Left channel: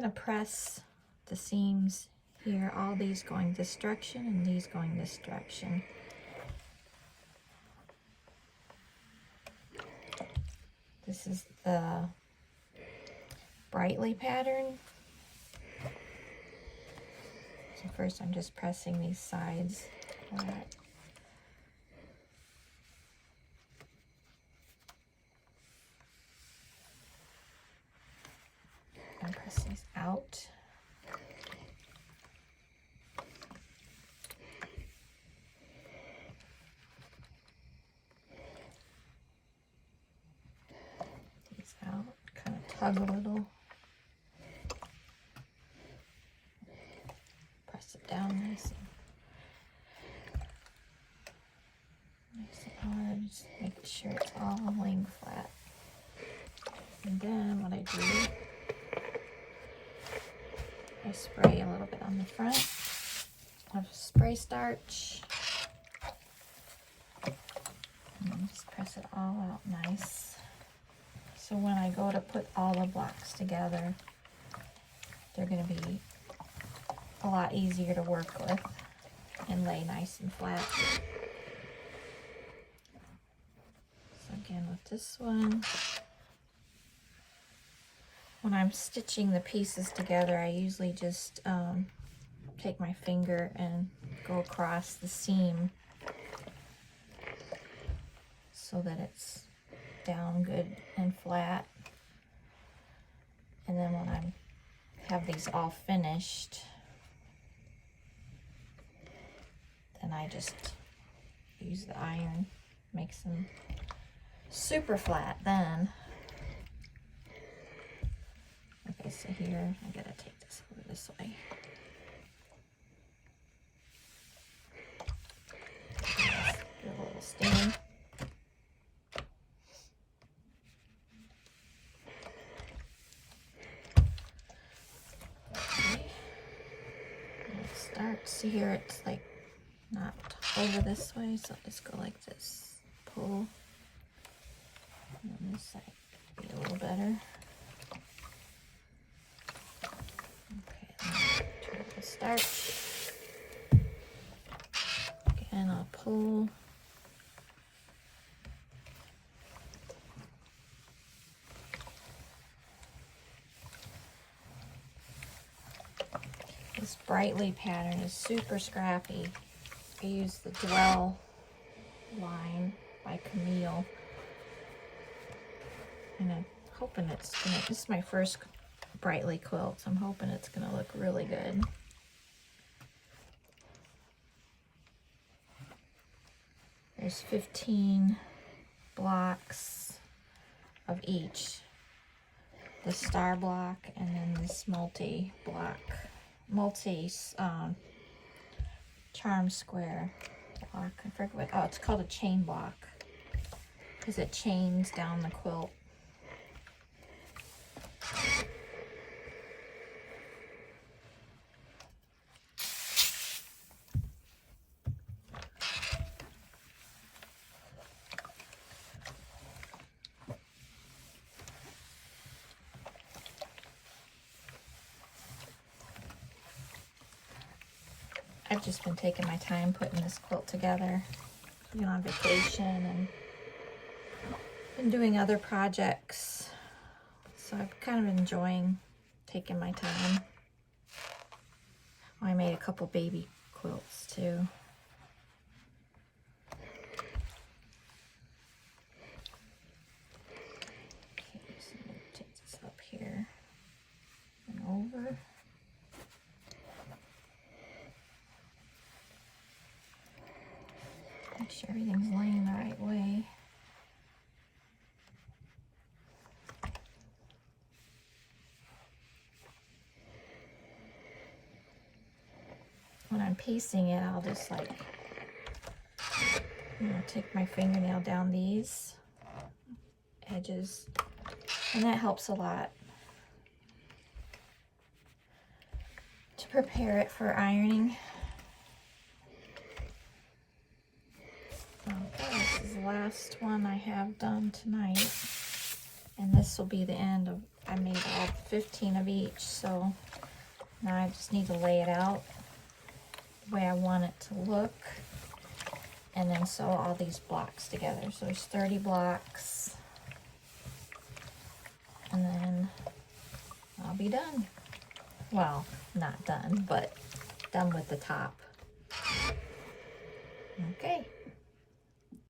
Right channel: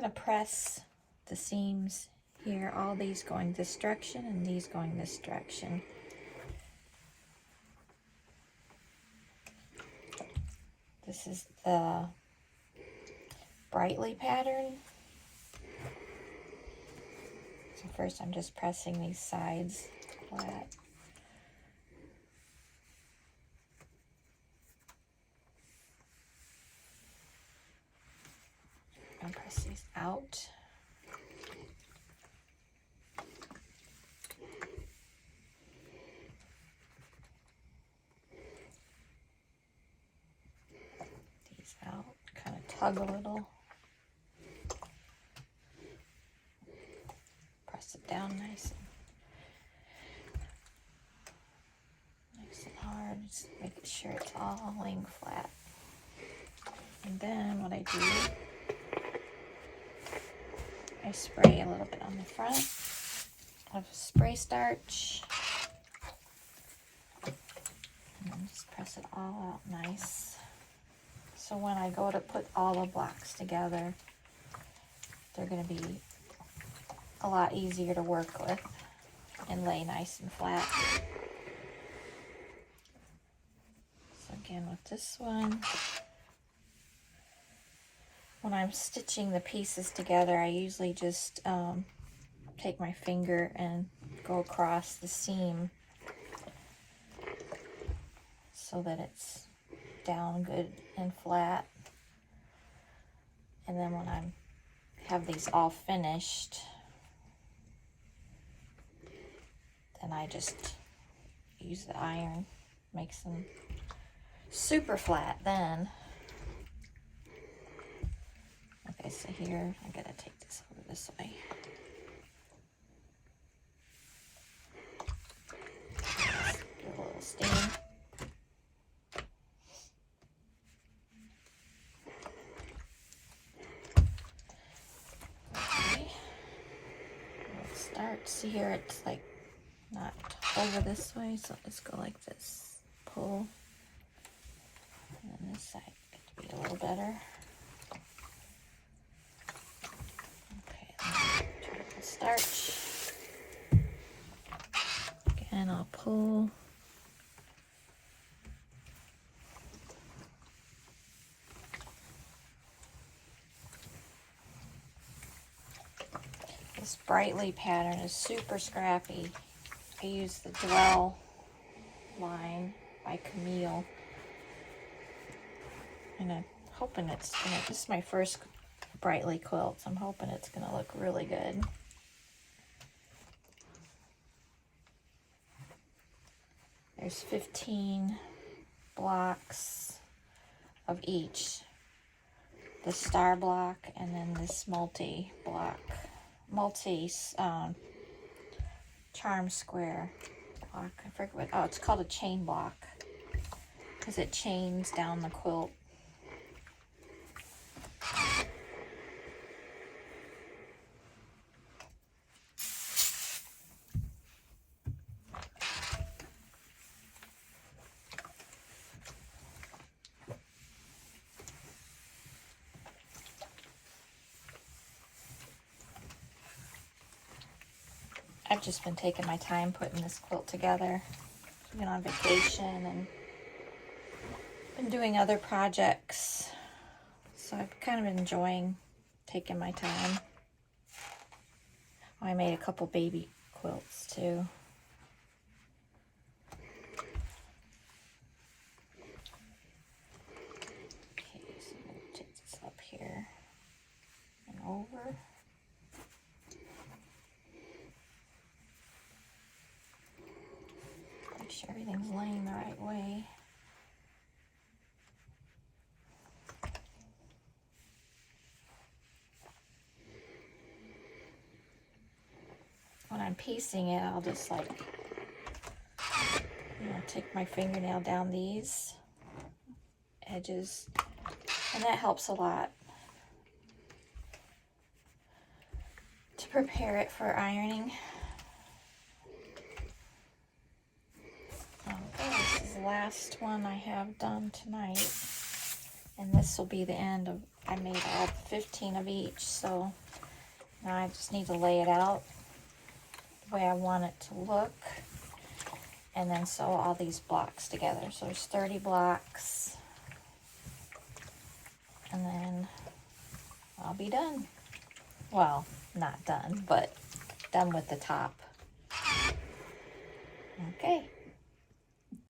going to press the seams here, all these going this direction and these going this direction. This is the Brightly pattern. So first I'm just pressing these sides flat. And press these out. These out, kind of tug a little. Press it down nice and hard, just making sure it's all laying flat. And then what I do, I spray a little bit on the front of spray starch. And just press it all out nice. So when I go to put all the blocks together, they're going to be a lot easier to work with and lay nice and flat. So again with this one, when I'm stitching the pieces together, I usually just take my finger and go across the seam so that it's down good and flat. And then when I have these all finished, then I just use the iron, makes them super flat then. Okay, so here, I gotta take this over this way. Give a little steam. Okay. Let's start. See here, it's like not over this way, so let's go like this. Pull. And then this side could be a little better. Starch. Again, I'll pull. This Brightly pattern is super scrappy. I use the Dwell line by Camille. And I'm hoping it's gonna, this is my first Brightly quilt, so I'm hoping it's gonna look really good. There's 15 blocks of each. The star block and then this charm square block. I forget what, oh, it's called a chain block because it chains down the quilt. I've just been taking my time putting this quilt together. I've been on vacation and doing other projects. So I've kind of been enjoying taking my time. Oh, I made a couple baby quilts too. Okay, so I'm going to take this up here and over. Make sure everything's laying the right way. When I'm piecing it, I'll just like, take my fingernail down these edges, and that helps a lot to prepare it for ironing. Okay, this is the last one I have done tonight, And this will be the end of, I made all 15 of each, so now I just need to lay it out the way I want it to look, and then sew all these blocks together. So there's 30 blocks, and then I'll be done. Well, not done, but done with the top. Okay.